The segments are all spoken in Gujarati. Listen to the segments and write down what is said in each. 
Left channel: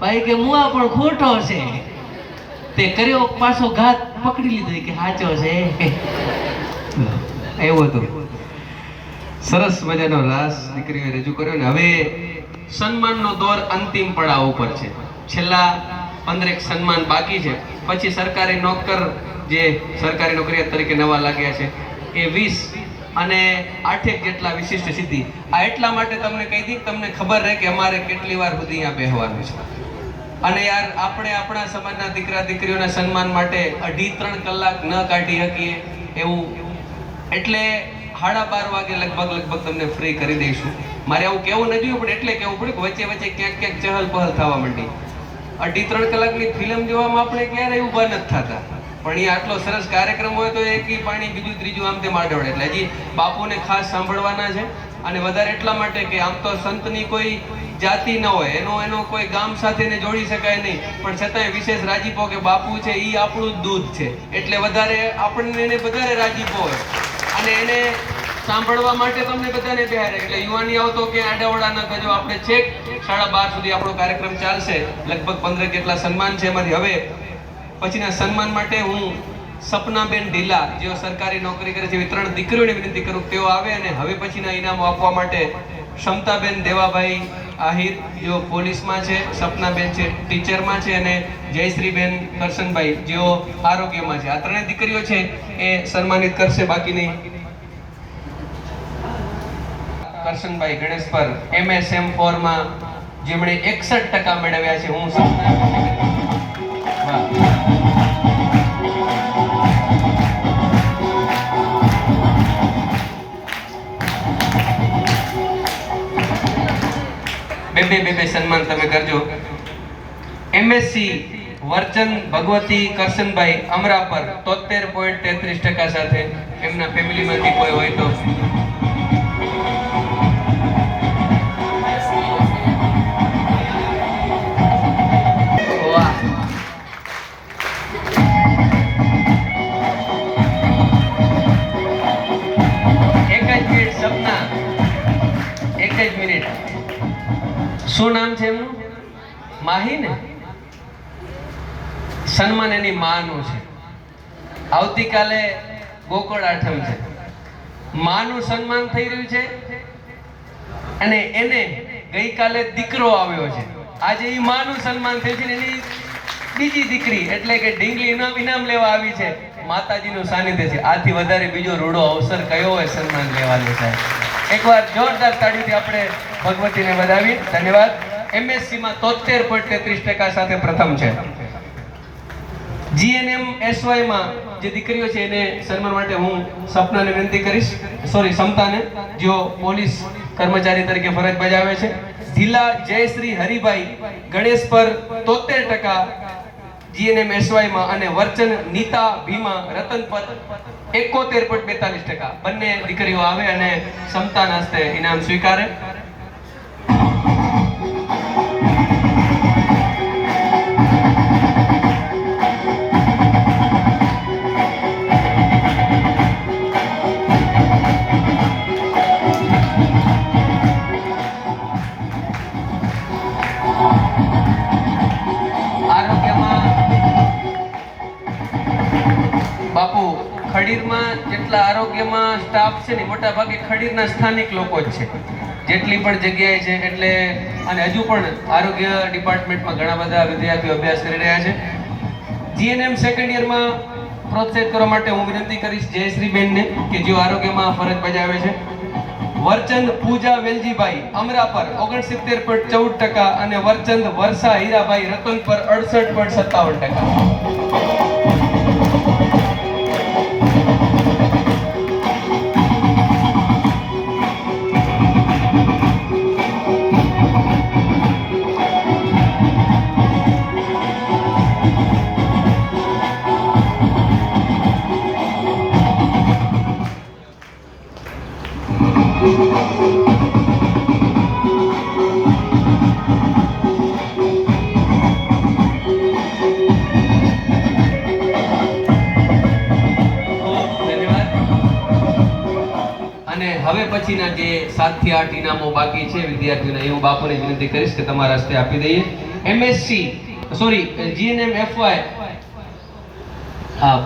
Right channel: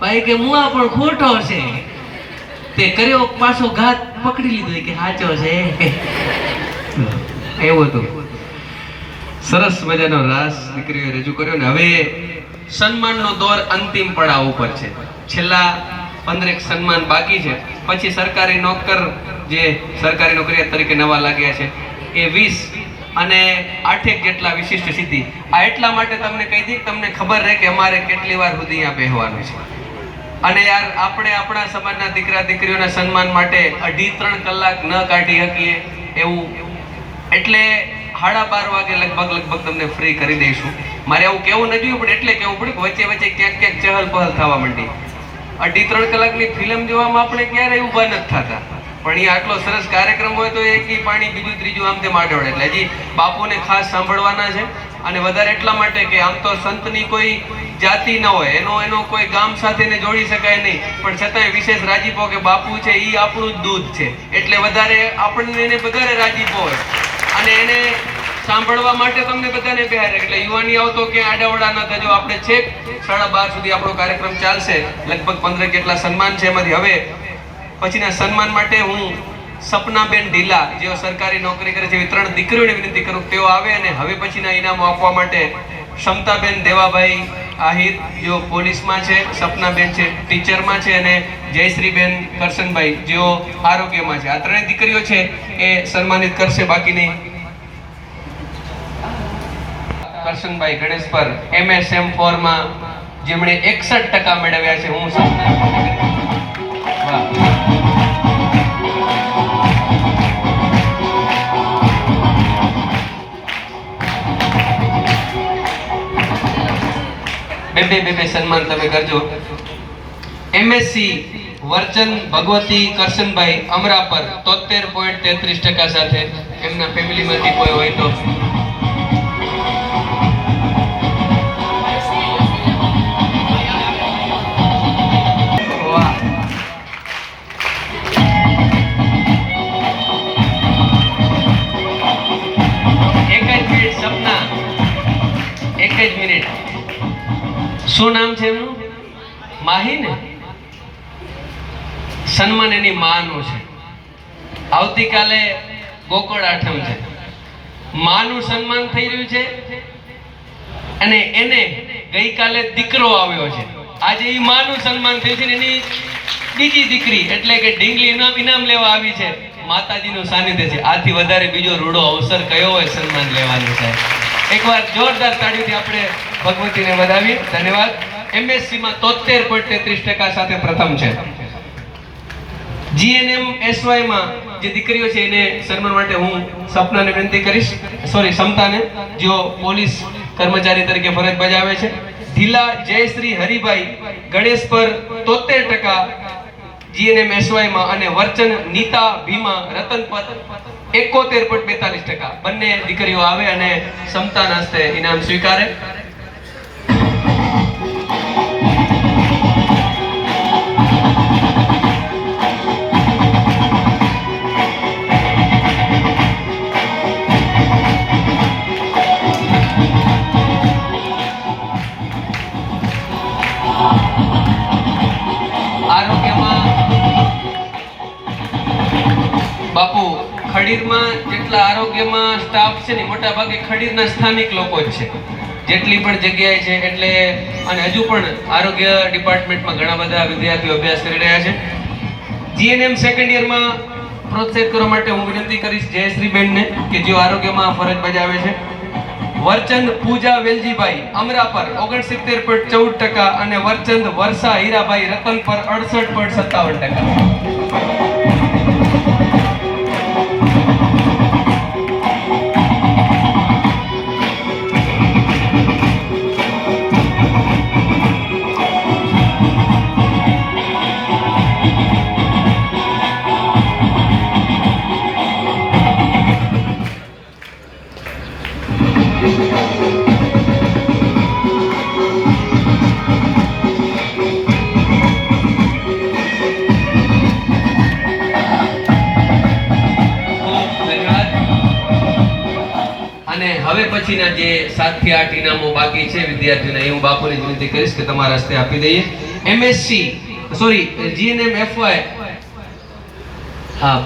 ભાઈ કે મુઆ પણ ખોટો છે. તે કર્યો, પાછો ઘાત પકડી લીધો. કે સાચો છે. એવું હતું. સરસ મજાનો રાસ દીકરીઓ રજૂ કર્યો ને હવે સન્માનનો દોર અંતિમ પડાવ ઉપર છે. છેલ્લા પંદરેક સન્માન બાકી છે. પછી સરકારી નોકર જે સરકારી નોકરિયાત તરીકે નવા લાગ્યા છે, એ વીસ અને આઠેક જેટલા વિશિષ્ટ સિદ્ધિ. આ એટલા માટે તમને કહી દી તમને ખબર રહે કે અમારે કેટલી વાર સુધી અહીંયા બેહવાનું છે. અને યાર, આપણે આપણા સમાજના દીકરા દીકરીઓના સન્માન માટે અઢી ત્રણ કલાક ન કાઢી શકીએ એવું. એટલે સાડા બાર વાગે લગભગ લગભગ તમને ફ્રી કરી દઈશું. મારે આવું કેવું ન જોયું, પણ એટલે કેવું પડે વચ્ચે વચ્ચે ક્યાંક ક્યાંક ચહલ પહલ થવા માંડી. અઢી ત્રણ કલાકની ફિલ્મ જોવામાં આપણે ક્યારેય ઊભા નથી થતા. પણ એ આટલો સરસ કાર્યક્રમ હોય તો એક પાણી બીજું ત્રીજું આમ તેમ આડોડે. એટલે હજી બાપુને ખાસ સાંભળવાના છે. અને વધારે એટલા માટે કે આમ તો સંતની કોઈ જાતિ ન હોય. એનો એનો કોઈ ગામ સાથેને જોડી શકાય નહીં. પણ છતાંય વિશેષ રાજીપો કે બાપુ છે એ આપણું જ દૂધ છે. એટલે વધારે આપણને એને વધારે રાજીપો હોય. અને એને સાંભળવા માટે તમને બધાને બિહાર. એટલે યુવાની આવતો કે આડાવડા ન થજો. આપણે છેક સાડા બાર સુધી આપણો કાર્યક્રમ ચાલશે. લગભગ પંદર કેટલા સન્માન છે એમાંથી. હવે પછીના સન્માન માટે હું સપનાબેન ઢીલા, જેઓ સરકારી નોકરી કરે છે, એવી ત્રણ દીકરીઓને વિનંતી કરું તેઓ આવે અને હવે પછીના ઇનામો આપવા માટે ક્ષમતાબેન દેવાભાઈ આહિર, જેઓ પોલીસમાં છે, સપનાબેન છે, ટીચરમાં છે અને જયશ્રીબેન કરશનભાઈ, જેઓ આરોગ્યમાં છે. આ ત્રણેય દીકરીઓ છે, એ સન્માનિત કરશે. બાકીની કરશનભાઈ ગણેશ પર એમએસએમ ફોરમાં જેમણે એકસઠ ટકા મેળવ્યા છે. હું બે બે બે બે સન્માન તમે કરજો. એમએસસી વર્ચન ભગવતી કરશનભાઈ અમરાપર તોતેર પોઈન્ટ તેત્રીસ ટકા સાથે એમના ફેમિલીમાંથી કોઈ હોય તો માહી ને સન્માન એની માનું છે. આવતીકાલે ગોકુળ આઠમ છે. માનું સન્માન થઈ રહ્યું છે અને એને ગઈકાલે દીકરો આવ્યો છે. આજે એ માનું સન્માન થયું છે એની બીજી દીકરી, એટલે કે ઢીંગલી ઇનામ ઇનામ લેવા આવી છે. માતાજીનું સાનિધ્ય છે. આથી વધારે બીજો રૂડો અવસર કયો હોય સન્માન લેવાનો સાહેબ? એકવાર જોરદાર તાળીઓથી આપણે ભગવતીને વધાવી ધન્યવાદ. એમએસસી માં તોતેર પોઈન્ટ તેત્રીસ ટકા સાથે પ્રથમ છે. જીએનએમ એસવાયમાં જે દીકરીઓ છે એને સન્માન માટે હું સપનાને વિનંતી કરીશ. સોરી સમતાને, જેઓ પોલીસ કર્મચારી તરીકે ફરજ બજાવે છે. ઢીલા જયશ્રી હરિભાઈ ગણેશ પર તોતેર ટકા જીએનએમ એસવાયમાં અને વર્ચન નીતા ભીમા રતન પર એકોતેર પોઈન્ટ બેતાલીસ ટકા. બંને દીકરીઓ આવે અને સમતાના હસ્તે ઇનામ સ્વીકારે. ખડીરમાં જેટલા આરોગ્યમાં સ્ટાફ છે ને મોટા ભાગે ખડીરના સ્થાનિક લોકો જ છે. જેટલી પણ જગ્યાએ છે, એટલે અને હજુ પણ આરોગ્ય ડિપાર્ટમેન્ટમાં ઘણા બધા વિદ્યાર્થીઓ અભ્યાસ કરી રહ્યા છે. જીએનએમ સેકન્ડ યરમાં પ્રોત્સાહિત કરવા માટે હું વિનંતી કરીશ જયશ્રીબેનને કે જેઓ આરોગ્યમાં ફરજ બજાવે છે. વર્ચંદ પૂજા વેલજીભાઈ, અમરાપર, ઓગણસિત્તેર પોઈન્ટ ચૌદ ટકા અને વરચંદ વર્ષા હીરાભાઈ રતન પર અડસઠ પોઈન્ટ સત્તાવન ટકા. વિદ્યાર્થીઓને એ હું બાપુની વિનંતી કરીશ કે તમારા હસ્તે આપી દઈએ. એમએસસી સોરી જીએનએમ એફવાય હા.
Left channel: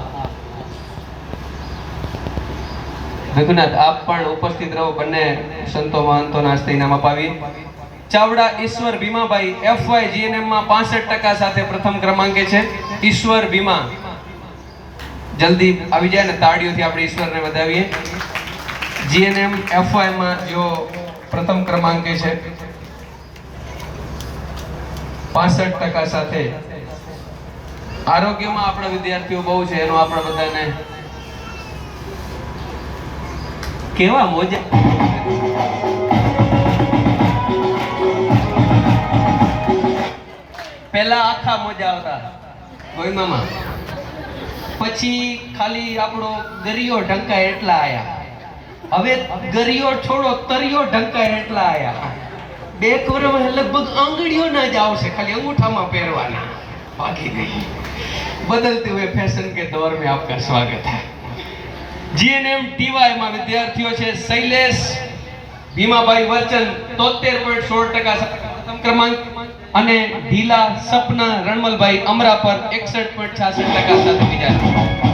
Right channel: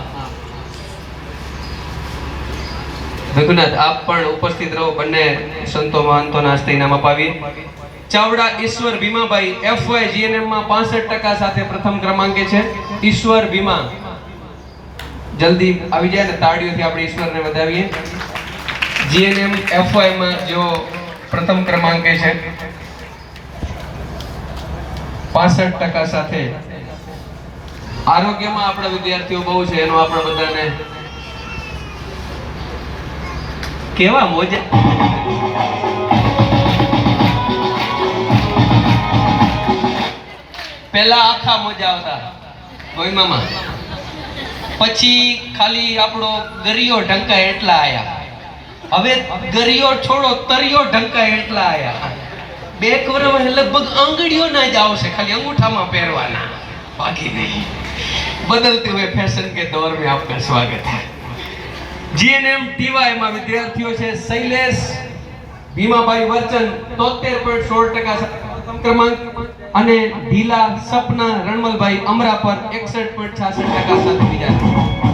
રઘુનાથ આપ પણ ઉપસ્થિત રહો, બંને સંતો મહંતોના હસ્તે ઇનામ અપાવીએ. ચાવડા ઈશ્વર ભીમાભાઈ એફવાય જીએનએમમાં 65% સાથે પ્રથમ ક્રમાંકે છે. ઈશ્વર ભીમા. જલ્દી આવી જાય ને તાળીઓથી આપણે ઈશ્વરને વધાવીએ. જીએનએમ એફવાયમાં જો પ્રથમ ક્રમાંકે છે. 65% સાથે. આરોગ્યમાં આપણા વિદ્યાર્થીઓ બહુ છે, એનો આપણે બધાને કેવા મોજા. પહેલા આખા મોજા આવતા. ગોઈમામાં પછી ખાલી આપણો ગરિયો ઢંકાય એટલા આયા. હવે ગરિયો છોડો, તરિયો ઢંકાય એટલા આયા. બે કવરમાં લગભગ આંગળીઓ ના જ આવશે, ખાલી અંગૂઠામાં પહેરવાના. બાકી નહીં. બદલતી હોય ફેશન કે દોર મેં આપકા સ્વાગત હૈ. જીએનએમ ટીવાયમાં વિદ્યાર્થીઓ છે શૈલેષ, ભીમાભાઈ વર્ચન, તોતેર પોઈન્ટ સોળ ટકા ક્રમાંક અને ઢીલા સપના રણમલભાઈ અમરા પર એકસઠ પોઈન્ટ છાસઠ ટકા સાથે બીજા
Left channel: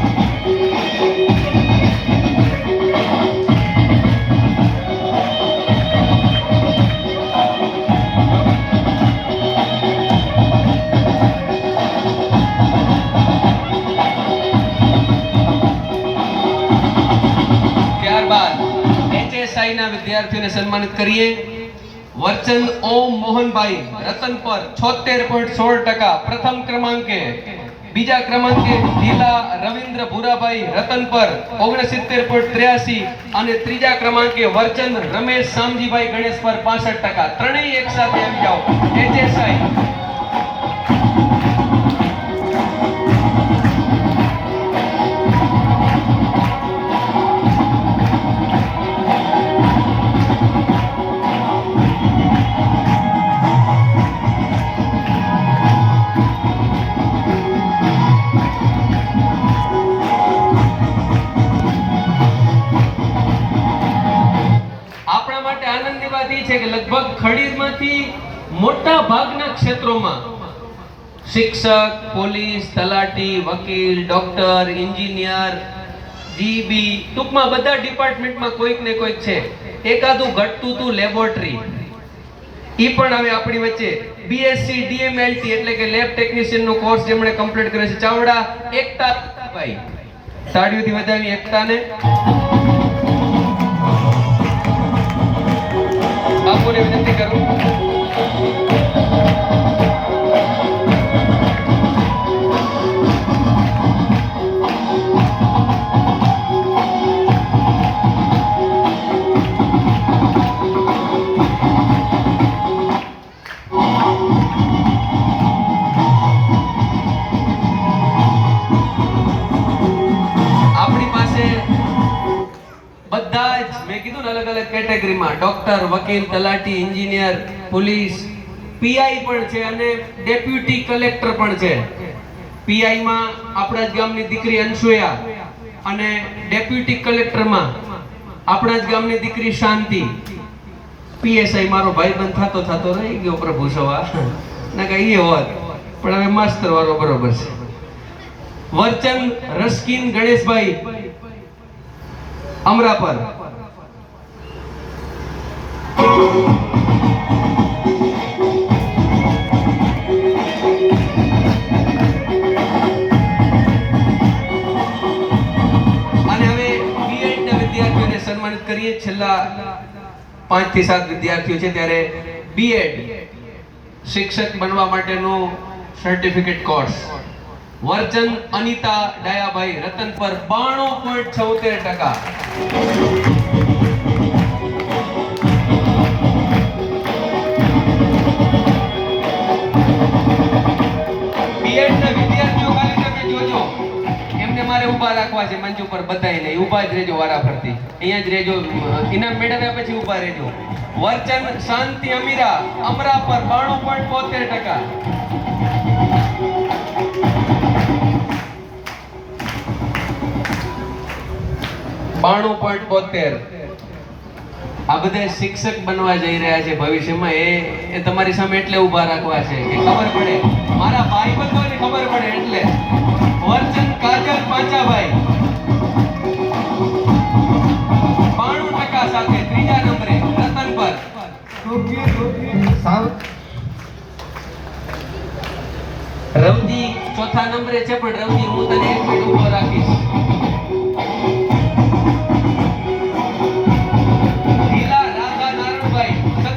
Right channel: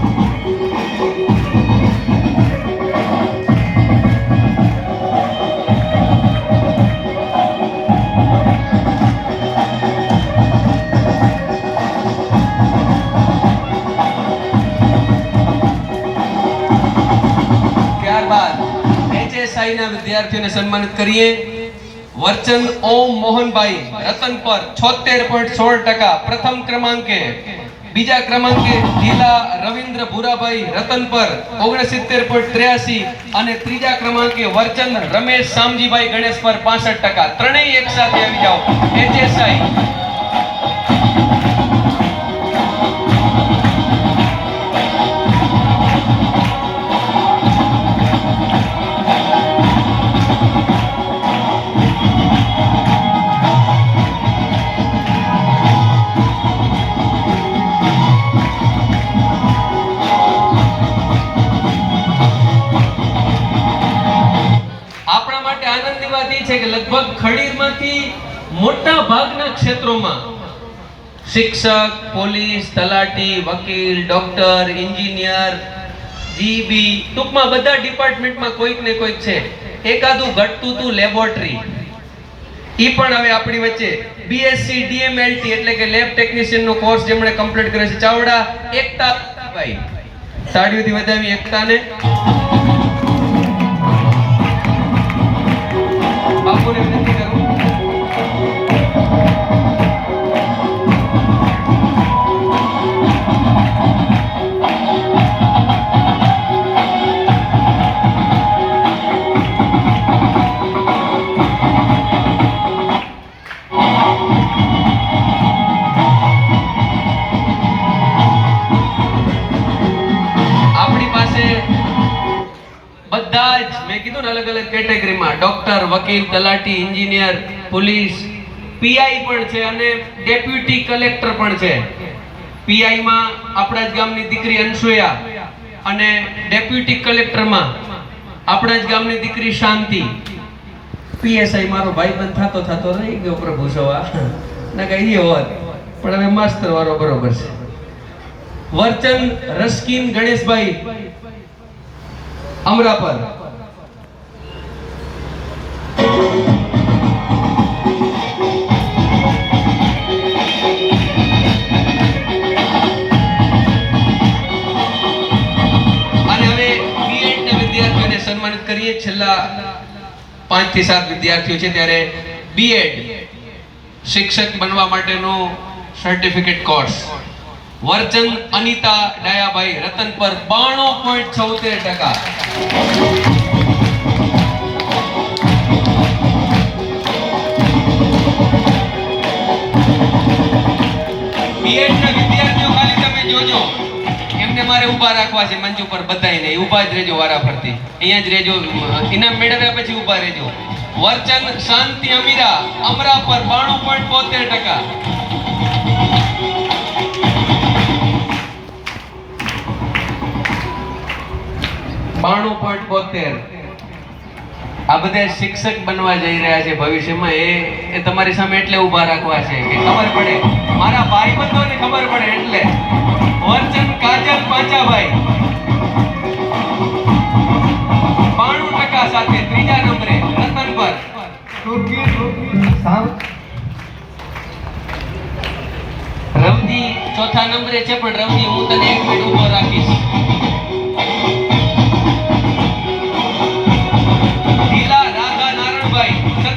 વિદ્યાર્થીઓને સન્માનિત કરીએ. વર્ચન ઓમ મોહનભાઈ, રતન પર છોતેર પોઈન્ટ સોળ ટકા. પ્રથમ ક્રમાંકે, બીજા ક્રમાંકે ઢીલા રવિન્દ્ર ભુરાભાઈ, રતન પર ઓગણસિત્તેર પોઈન્ટ ત્ર્યાસી અને ત્રીજા ક્રમાંકે વર્ચન રમેશ શામજીભાઈ ગણેશ પર પાસઠ ટકા. ત્રણેય એક સાથે આવી જાઓ. એચએસઆઈ ખડીરમાંથી મોટા ભાગના ક્ષેત્રોમાં શિક્ષક, પોલીસ, તલાટી, વકીલ, ડોક્ટર, એન્જિનિયર જીબી ટૂંકમાં બધા ડિપાર્ટમેન્ટમાં કોઈક ને કોઈક છે. એકાદું ઘટતું તું લેબોરેટરી. ઈ પણ હવે આપણી વચ્ચે બીએસસી ડીએમએલટી એટલે કે લેબ ટેકનિશિયન નો કોર્સ જેમણે કમ્પ્લીટ કર્યો છે. ચાવડા, એકતા ભાઈ. તાળીઓથી વધાવી એકતાને. બાપુને વિનંતી કરું. બધા જ, મેં કીધું ને અલગ અલગ કેટેગરીમાં, ડોક્ટર, વકીલ, તલાટી, એન્જિનિયર, પોલીસ, પીઆઈ પણ છે અને ડેપ્યુટી કલેક્ટર પણ છે. પીઆઈ માં આપણા જ ગામની દીકરી અનસુયા અને ડેપ્યુટી કલેક્ટરમાં આપણા જ ગામની દીકરી શાંતિ. પીએસઆઈ મારો ભાઈ બંધ થતો થતો રહી ગયો પ્રભુ સવા ને કઈ હોત. પણ હવે માસ્તર વાળો બરોબર છે. વર્ચન રસ્કીન ગણેશભાઈ અમરાપર. સન્માનિત કરીએ. છેલ્લા પાંચથી સાત વિદ્યાર્થીઓ છે ત્યારે બીએડ શિક્ષક બનવા માટેનો certificate course virgin Anita Dayabhai Ratan પર બાણું પોઈન્ટ છોતેર ટકા. મારે ઊભા રાખવા છે મંચ ઉપર બધાય નહીં ઊભા જ રહેજો વારા ફરતી અહીંયા જ રહેજો. ઇનામ મેળવ્યા પછી ઊભા રહેજો. વર્ચન શાંતિ અમીરા અમરા પર બાણું પોઈન્ટ બોતેર ટકા. બાણું પોઈન્ટ બોતેર. આ બધા શિક્ષક બનવા જઈ રહ્યા છે ભવિષ્યમાં. એ એ તમારી સામે એટલે ઊભા રાખવા છે કે ખબર પડે. મારા ભાઈ બંધોને ખબર પડે એટલે. વર્ચન કાજલ પાંચાભાઈ. બાણું ટકા સાથે ત્રીજા નંબરે રતન પર. રવજી ચોથા નંબરે છે પણ રવજી હું તને એક મિનિટ ઊભો રાખીશ.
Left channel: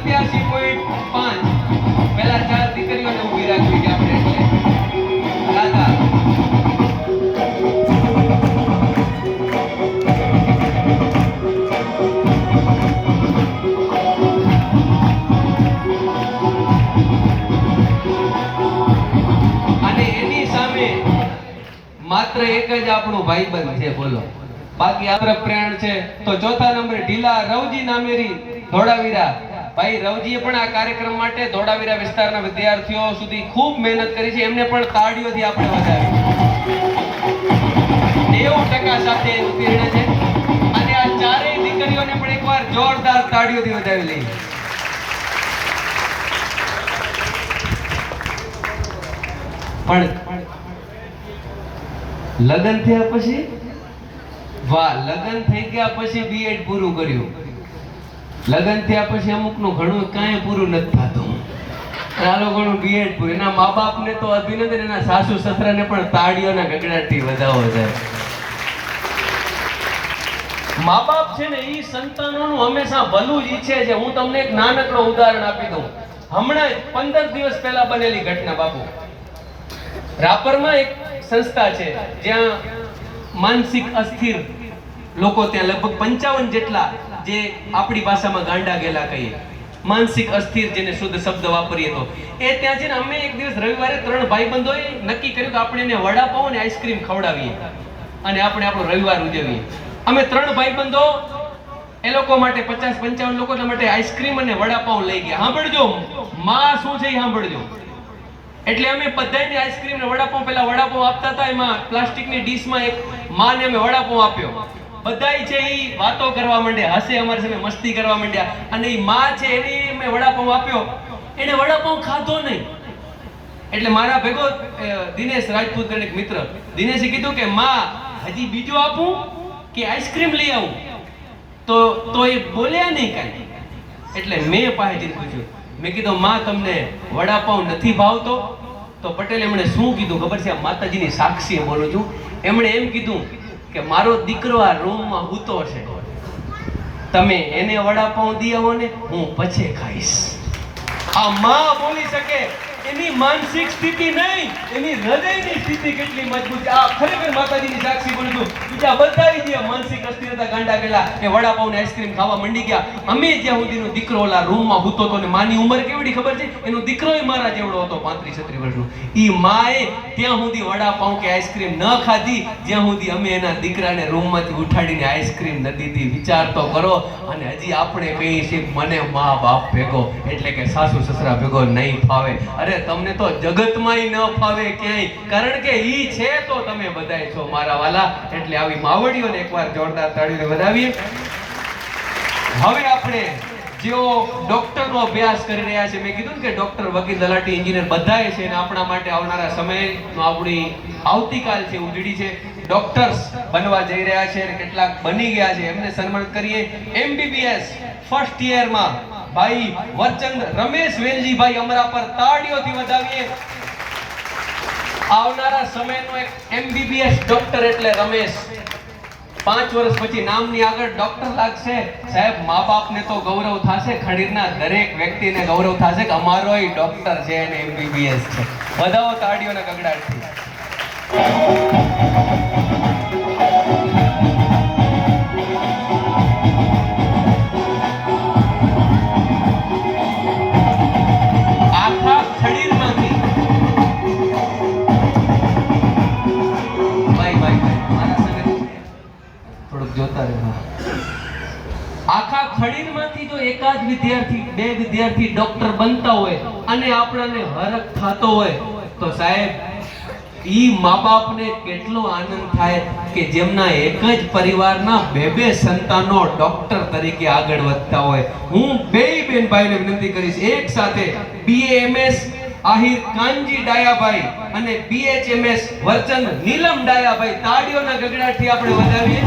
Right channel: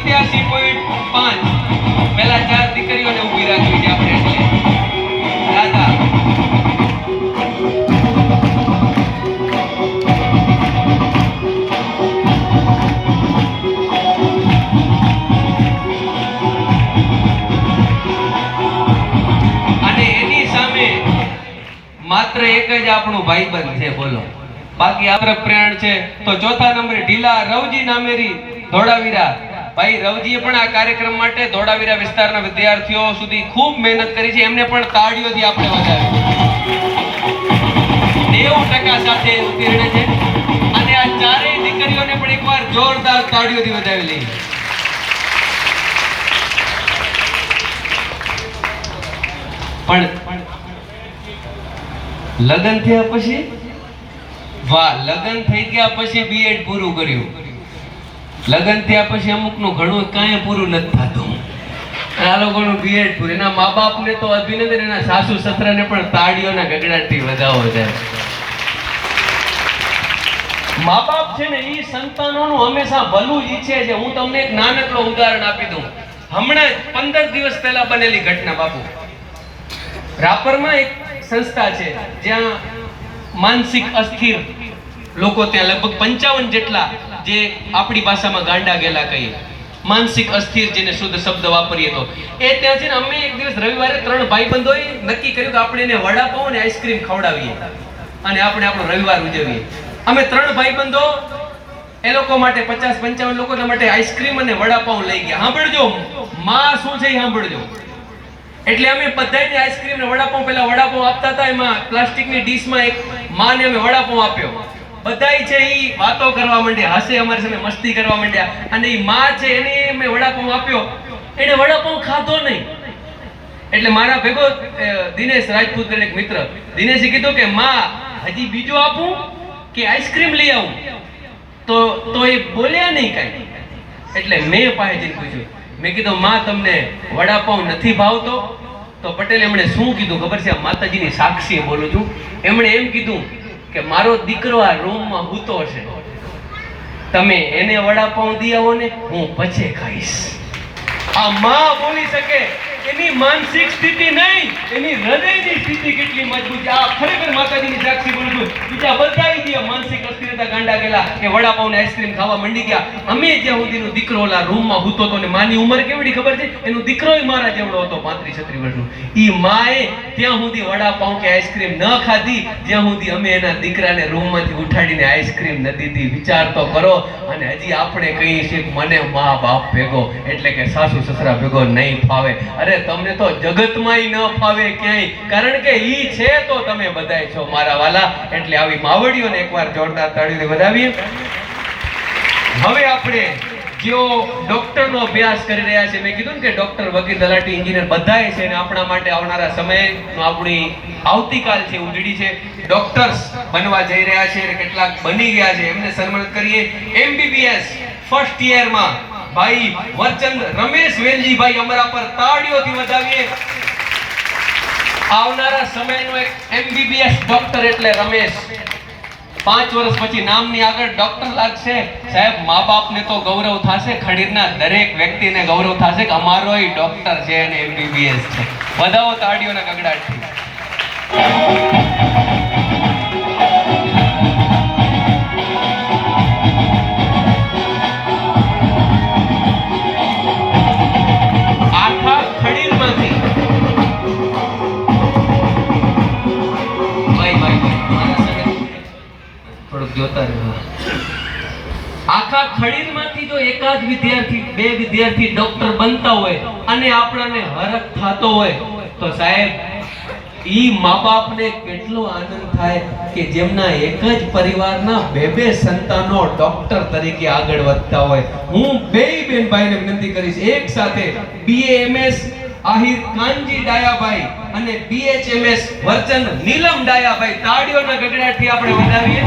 સત્યાસી પોઈન્ટ પાંચ. પહેલા ચાર દીકરીઓને ઊભી રાખી છે આપણે અને એની સામે માત્ર એક જ આપણું ભાઈબંધ છે, બોલો. બાકી આપણે પ્રેણ છે. તો ચોથા નંબરે ઢીલા રવજી નામેરી ધોળાવીરા. ભાઈ રવજીએ પણ આ કાર્યક્રમ માટે ધોળાવીરા વિસ્તારના વિદ્યાર્થીઓ સુધી ખૂબ મહેનત કરી છે. એમને પણ તાળીઓથી આપણે વધારે નેવું ટકા સાથે ઉત્તીર્ણ છે. અને આ ચારેય દીકરીઓને પણ એકવાર જોરદાર તાળીઓથી વધાવી લઈએ. પણ લગ્ન થયા પછી? વાહ, લગ્ન થઈ ગયા પછી બીએડ પૂરું કર્યું. લગ્ન થયા પછી અમુકનું ઘણું કાંઈ પૂરું નથી થતું. આ લોકોનું બીએડ પૂરું. એના મા બાપને તો અભિનંદન, એના સાસુ સસરાને પણ તાળીઓના ગગડાટથી વધાવો છે. મા બાપ છે ને એ સંતાનોનું હંમેશા ભલું ઈચ્છે છે. હું તમને એક નાનકડો ઉદાહરણ આપી દઉં. હમણાં પંદર દિવસ પહેલા બનેલી ઘટના, બાપુ. રાપરમાં એક સંસ્થા છે, જ્યાં માનસિક અસ્થિર લોકો ત્યાં લગભગ પંચાવન જેટલા જે આપણી ભાષામાં ગાંડા ગેલા કહીએ. માનસિક અસ્થિર જેને શુદ્ધ શબ્દ વાપરીએ તો. એ ત્યાં છે ને અમે એક દિવસ રવિવારે ત્રણ ભાઈબંધોએ નક્કી કર્યું કે આપણે એને વડાપાઉં અને આઈસ્ક્રીમ ખવડાવીએ. અને આપણે આપણો રવિવાર ઉજવીએ. અમે ત્રણ ભાઈબંધો, એ લોકો માટે પચાસ પંચાવન લોકો માટે આઈસ્ક્રીમ અને વડાપાઉં લઈ ગયા. સાંભળજો, માં શું છે સાંભળજો. એટલે અમે બધાને આઈસ્ક્રીમ ને વડાપાઉં પેલા વડાપાઉં આપતા હતા, એમાં પ્લાસ્ટિકની ડીશમાં એક માને અમે વડાપાઉં આપ્યો. બધાય છે એ વાતો કરવા માંડ્યા, હસે અમારી સામે મસ્તી કરવા માંડ્યા. અને એ માં છે એને મેં વડાપાઉં આપ્યો. એને વડાપાઉં ખાધો નહીં. એટલે મારા ભેગો દિનેશ રાજપૂત કરીને એક મિત્ર. દિનેશે કીધું કે, માં, હજી બીજું આપું કે આઈસ્ક્રીમ લઈ આવું? તો તો એ બોલ્યા નહીં કાંઈ. એટલે મેં પાસે પૂછ્યું. મેં કીધું, માં, તમને વડાપાઉં નથી ભાવતો? તો પટેલ એમણે શું કીધું ખબર છે? માતાજીની સાક્ષી બોલું છું. એમણે એમ કીધું કે મારો દીકરો આ રૂમમાં હૂતો છે. તમે એને વડાપાઉં દી આવો ને હું પછી ખાઈશ. આ માં બોલી શકે. એની માનસિક સ્થિતિ નહીં, એની હૃદયની સ્થિતિ કેટલી મજબૂત આ ખરેખર માતાજીની સાક્ષી બોલું છું બીજા બધા જે માનસિક અસ્થિરતા ગાંડા ગયેલા કે વડાપાઉં ને આઈસ્ક્રીમ ખાવા મંડી ગયા. અમે જ્યાં સુધીનો દીકરો ઓલા રૂમમાં હૂતો હતો ને માની ઉંમર કેવડી ખબર છે? એનો દીકરો મારા જેવડો હતો, પાંત્રીસ છત્રીસ વર્ષનો ઈ માએ ત્યાં સુધી વડાપાઉં કે આઈસ્ક્રીમ ન ખાધી. જ્યાં સુધી અમે એના દીકરાને રૂમમાંથી ઉઠાડીને આઈસ્ક્રીમ ન દીધી વિચાર તો કરો. અને હજી આપણે કહીએ છીએ મને મા બાપ ભેગો, એટલે કે સાસુ સસરા ભેગો નહીં ફાવે. અરે તમને તો જગતમાંય ન ફાવે ક્યાંય. કારણ કે ઈ છે તો તમે બધાય છો મારા વાલા. એટલે આવી માવડીઓને એકવાર જોરદાર તાળીને વધાવીએ. હવે આપણે જેઓ ડોક્ટરનો અભ્યાસ કરી રહ્યા છે, મેં કીધું ને કે ડોક્ટર વકીલ, તલાટી એન્જિનિયર બધાય છે ને આપણા માટે આવનારા સમય આપણી આવતીકાલ છે, ઉજળી છે. ડોક્ટર્સ બનવા જઈ રહ્યા છે અને કેટલાક બની ગયા છે. એમને સન્માનિત કરીએ. એમબીબીએસ ફર્સ્ટ યરમાં ભાઈ વચન રમેશ વેલજીભાઈ અમારા પર તાળીઓથી વધાવીએ. આવનારા સમયનો એક એમબીબીએસ ડોક્ટર એટલે રમેશ. પાંચ વર્ષ પછી નામની આગળ ડોક્ટર લાગશે. સાહેબ, મા બાપને તો ગૌરવ થશે, ખડીરના દરેક વ્યક્તિને ગૌરવ થશે કે અમારોય ડોક્ટર છે અને એમબીબીએસ છે. બધાઓ તાળીઓના ગગડાટથી. વિદ્યાર્થી, બે વિદ્યાર્થી ડોક્ટર બનતા હોય અને આપણને હરખ થતો હોય, તો સાહેબ, ઈ મા બાપને કેટલો આનંદ થાય કે જેમના એક જ પરિવારના બે બે સંતાનો ડોક્ટર તરીકે આગળ વધતા હોય. હું બે બેન ભાઈને વિનંતી કરીશ, એક સાથે બીએએમએસ આહિર કાનજી ડાયાભાઈ અને બીએચએમએસ વર્ચન નીલમ ડાયાભાઈ, તાળીઓના ગગડાટથી આપણે વધાવીએ.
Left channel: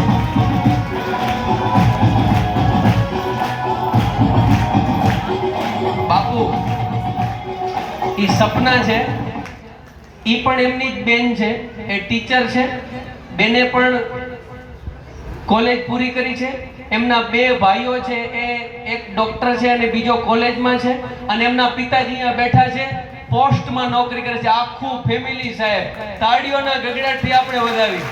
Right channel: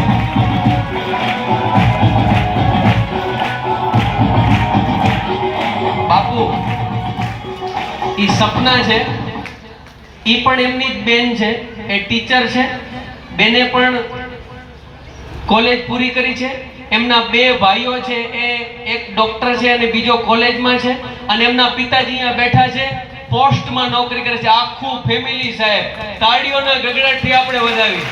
બાપુ એ સપના છે. એ પણ એમની બેન છે, એ ટીચર છે. બેને પણ કોલેજ પૂરી કરી છે. એમના બે ભાઈઓ છે, એ એક ડોક્ટર છે અને બીજો કોલેજમાં છે. અને એમના પિતાજી અહીંયા બેઠા છે, પોસ્ટમાં નોકરી કરે છે. આખું ફેમિલી સાહેબ, તાળીઓના ગગડાટથી આપણે વધાવી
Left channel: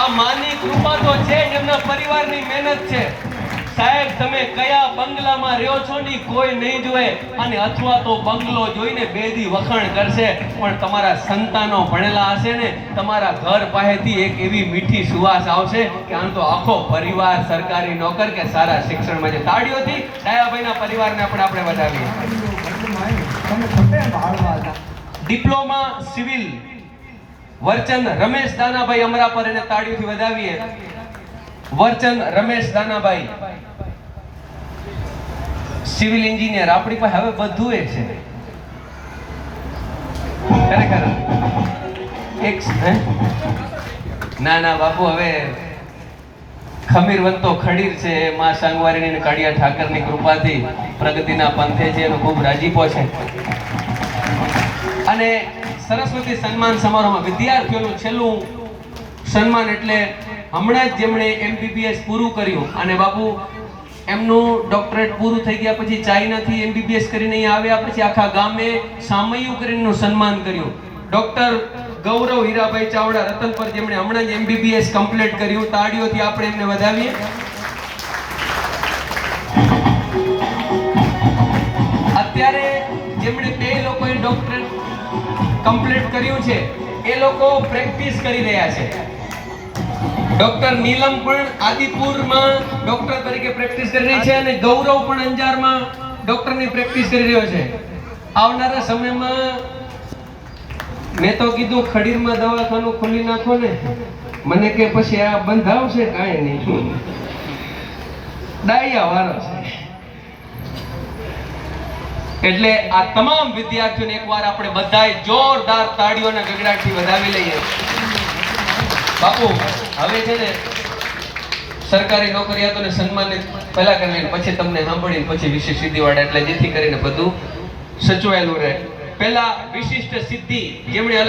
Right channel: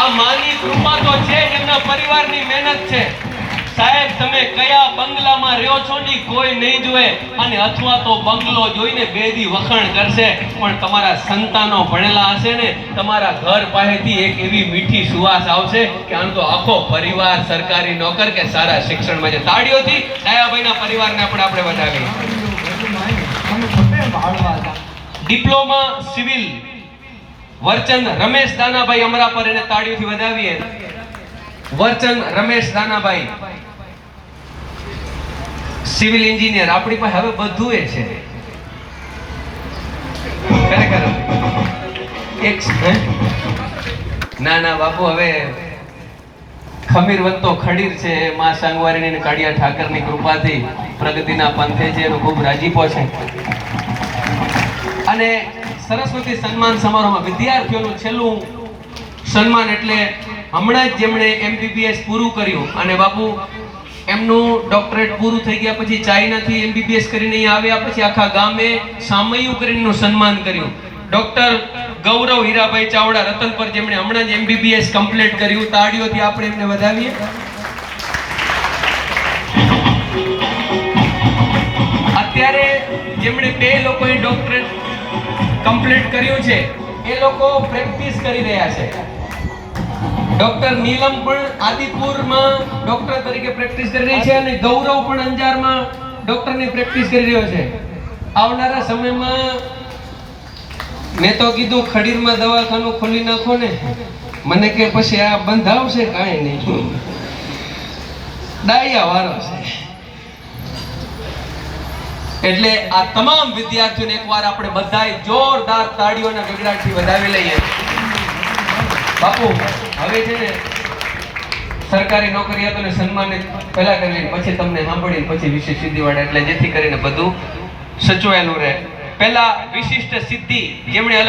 આ માની કૃપા તો છે એમના પરિવારની મહેનત છે. સાહેબ, તમે કયા બંગલામાં રહ્યો છો ની કોઈ નહીં જોવે અને અથવા તો બંગલો જોઈને બેદી વખાણ કરશે. પણ તમારા સંતાનો ભણેલા હશે ને, તમારા ઘર પાસેથી એક એવી મીઠી સુવાસ આવશે કે આમ તો આખો પરિવાર સરકારી નોકર કે સારા શિક્ષણમાં છે. તાળીઓથી દયાભાઈના પરિવારને પણ આપણે વધાવીએ. ડિપ્લોમા સિવિલ વર્ચન રમેશ દાનાભાઈ અમરાપર એને તાળીઓથી વધાવીએ. વર્ચન રમેશ દાનાભાઈ. સિવિલ એન્જિનિયર, આપણી પાસે હવે બધું એ છે ખરેખર એક ના ના, બાપુ, હવે ખમીરવંતો ખડીર છે, માં સાંગવારીની કાળિયા ઠાકરની કૃપાથી પ્રગતિના પંથે છે, એનો ખૂબ રાજીપો છે. અને સરસ્વતી સન્માન સમારોહમાં વિદ્યાર્થીઓનું છેલ્લું સન્માન એટલે હમણાં જ જેમણે એમબીબીએસ પૂરું કર્યું. અને બાપુ એમનું ડોક્ટરેટ પૂરું થઈ ગયા પછી ચાઇનાથી એમબીબીએસ કરીને આવ્યા પછી આખા ગામે સામયુ કરીને સન્માન કર્યું. ડોક્ટર ગૌરવ હીરાભાઈ ચાવડા રતન પર જેમણે હમણાં જ એમબીબીએસ કમ્પ્લીટ કર્યું, તાળીઓથી આપણે એમને વધાવીએ. અત્યારે જેમણે બે લોકોએ ડોક્ટરેટ કમ્પ્લીટ કર્યું છે, એ લોકો પ્રેક્ટિસ કરી રહ્યા છે. ડોક્ટર નીલમ પણ આદિપુરમાં ડોક્ટર તરીકે પ્રેક્ટિસ કરી રહી છે અને ગૌરવ પણ અંજારમાં ડોક્ટરની પ્રેક્ટિસ કરી રહ્યો છે. આવનારા સમયમાં મેં તો કીધું ખડીરમાં દવાખાનું ખોલી નાખો ને. મને કે પછી આ બંધ આવશે કાંઈ નહીં. ડાયા વારો છે. એટલે આ તમામ વિદ્યાર્થીઓને એકવાર આપણે બધાય જોરદાર તાળીઓના ગગડાટથી વધાવી લઈએ. બાપુ, હવે છે ને સરકારી નોકરિયાતોને સન્માનિત પહેલા કરીને, પછી તમને સાંભળીને પછી વિશેષ સિદ્ધિ વાળા એટલે જેથી કરીને બધું સચવાયેલું રહે. પહેલા વિશિષ્ટ સિદ્ધિ, જેમણે